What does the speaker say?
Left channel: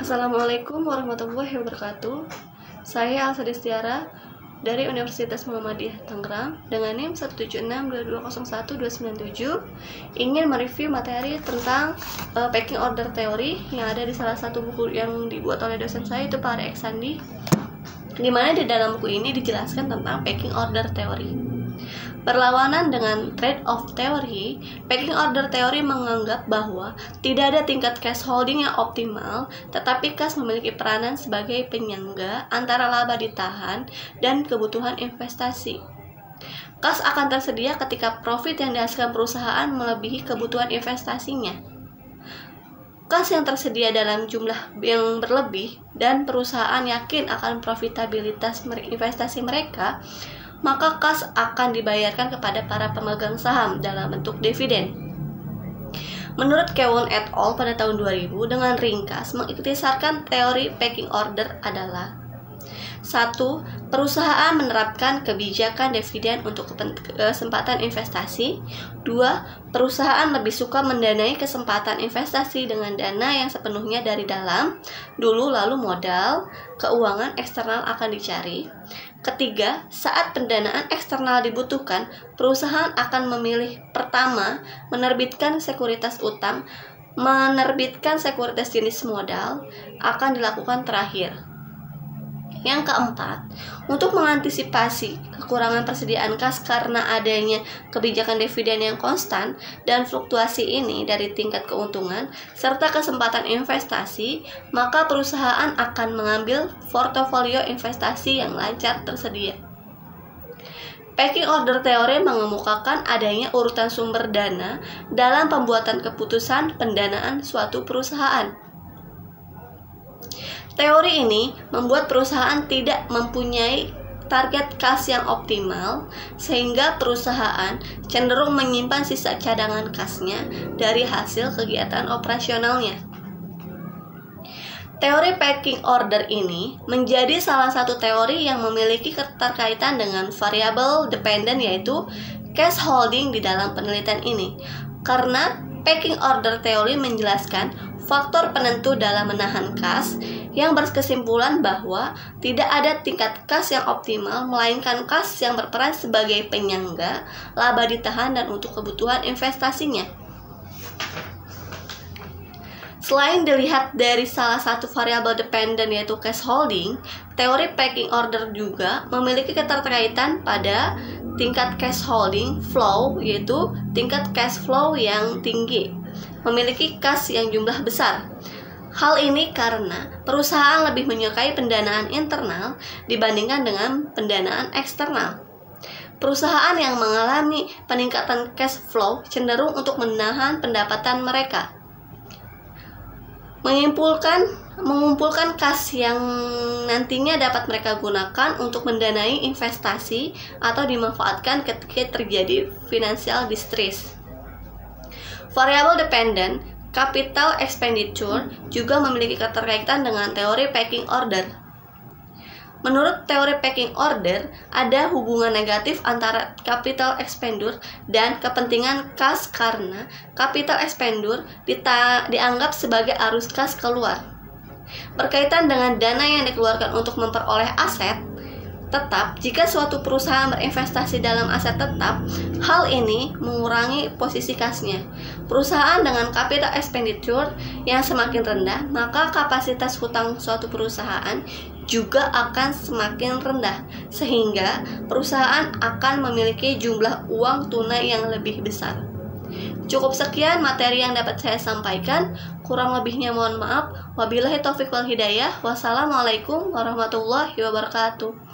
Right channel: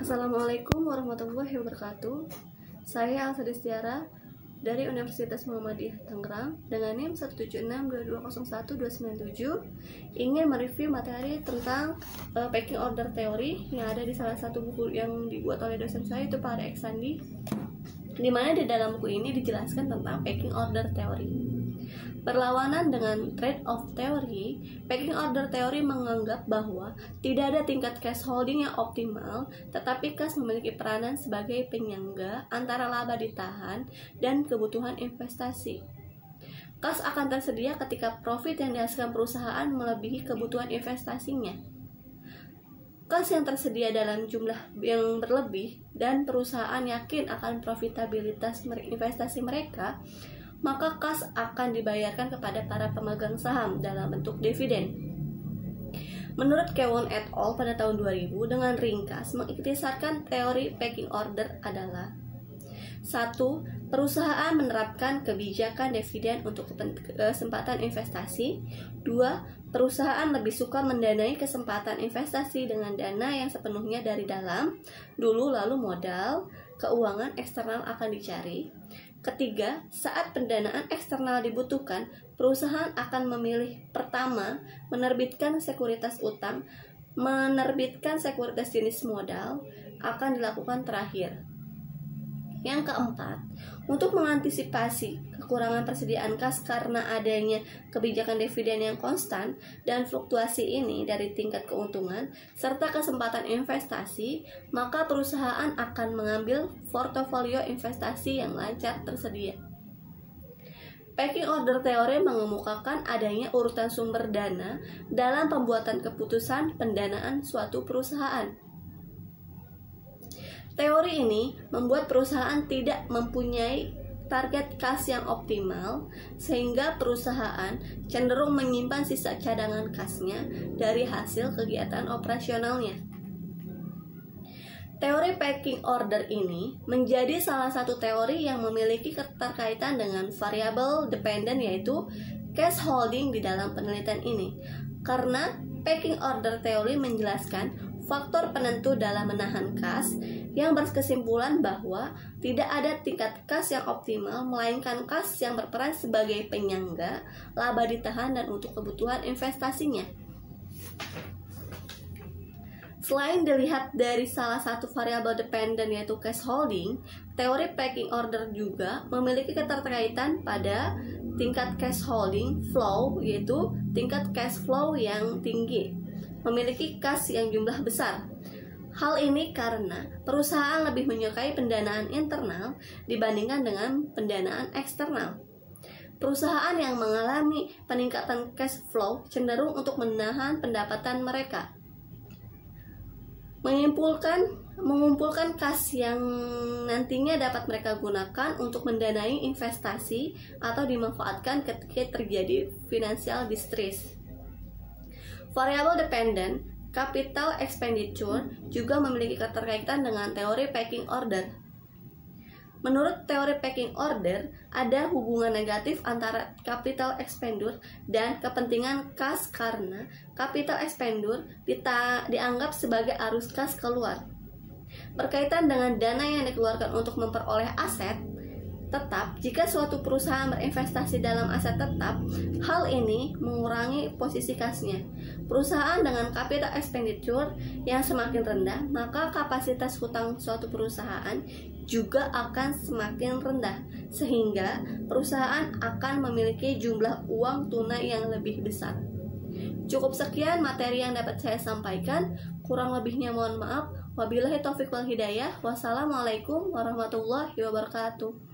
Assalamualaikum warahmatullahi wabarakatuh. Saya Alsa Destiara dari Universitas Muhammadiyah Tangerang dengan NIM 176220127 ingin mereview materi tentang packing order teori yang ada di salah satu buku yang dibuat oleh dosen saya, itu Pak Arya Eksandi, di mana di dalam buku ini dijelaskan tentang packing order teori. Berlawanan dengan trade-off teori, packing order teori menganggap bahwa tidak ada tingkat cash holding yang optimal, tetapi cash memiliki peranan sebagai penyangga antara laba ditahan dan kebutuhan investasi. Cash akan tersedia ketika profit yang dihasilkan perusahaan melebihi kebutuhan investasinya. Cash yang tersedia dalam jumlah yang berlebih dan perusahaan yakin akan profitabilitas investasi mereka, maka kas akan dibayarkan kepada para pemegang saham dalam bentuk dividen. Menurut Kewon et al. Pada tahun 2000, dengan ringkas mengikhtisarkan teori packing order adalah: 1. Perusahaan menerapkan kebijakan dividen untuk kesempatan investasi. 2. Perusahaan lebih suka mendanai kesempatan investasi dengan dana yang sepenuhnya dari dalam dulu, lalu modal keuangan eksternal akan dicari. Ketiga, saat pendanaan eksternal dibutuhkan, perusahaan akan memilih pertama, menerbitkan sekuritas utang, menerbitkan sekuritas jenis modal akan dilakukan terakhir. Yang keempat, untuk mengantisipasi kekurangan persediaan kas karena adanya kebijakan dividen yang konstan dan fluktuasi ini dari tingkat keuntungan serta kesempatan investasi, maka perusahaan akan mengambil portofolio investasi yang lancar tersedia. Packing order teori mengemukakan adanya urutan sumber dana dalam pembuatan keputusan pendanaan suatu perusahaan. Teori ini membuat perusahaan tidak mempunyai target kas yang optimal, sehingga perusahaan cenderung menyimpan sisa cadangan kasnya dari hasil kegiatan operasionalnya. Teori packing order ini menjadi salah satu teori yang memiliki keterkaitan dengan variabel dependent, yaitu cash holding di dalam penelitian ini, karena packing order teori menjelaskan faktor penentu dalam menahan kas yang berkesimpulan bahwa tidak ada tingkat kas yang optimal, melainkan kas yang berperan sebagai penyangga, laba ditahan, dan untuk kebutuhan investasinya. Selain dilihat dari salah satu variabel dependent, yaitu cash holding, teori packing order juga memiliki keterkaitan pada tingkat cash holding flow, yaitu tingkat cash flow yang tinggi memiliki kas yang jumlah besar. Hal ini karena perusahaan lebih menyukai pendanaan internal dibandingkan dengan pendanaan eksternal. Perusahaan yang mengalami peningkatan cash flow cenderung untuk menahan pendapatan mereka, mengumpulkan kas yang nantinya dapat mereka gunakan untuk mendanai investasi atau dimanfaatkan ketika terjadi financial distress. Variable dependent capital expenditure juga memiliki keterkaitan dengan teori packing order. Menurut teori packing order, ada hubungan negatif antara capital expenditure dan kepentingan kas karena capital expenditure dianggap sebagai arus kas keluar. Berkaitan dengan dana yang dikeluarkan untuk memperoleh aset tetap, jika suatu perusahaan berinvestasi dalam aset tetap, hal ini mengurangi posisi kasnya. Perusahaan dengan capital expenditure yang semakin rendah, maka kapasitas hutang suatu perusahaan juga akan semakin rendah, sehingga perusahaan akan memiliki jumlah uang tunai yang lebih besar. Cukup sekian materi yang dapat saya sampaikan, kurang lebihnya mohon maaf. Wabillahi taufiq wal hidayah. Wassalamualaikum warahmatullahi wabarakatuh.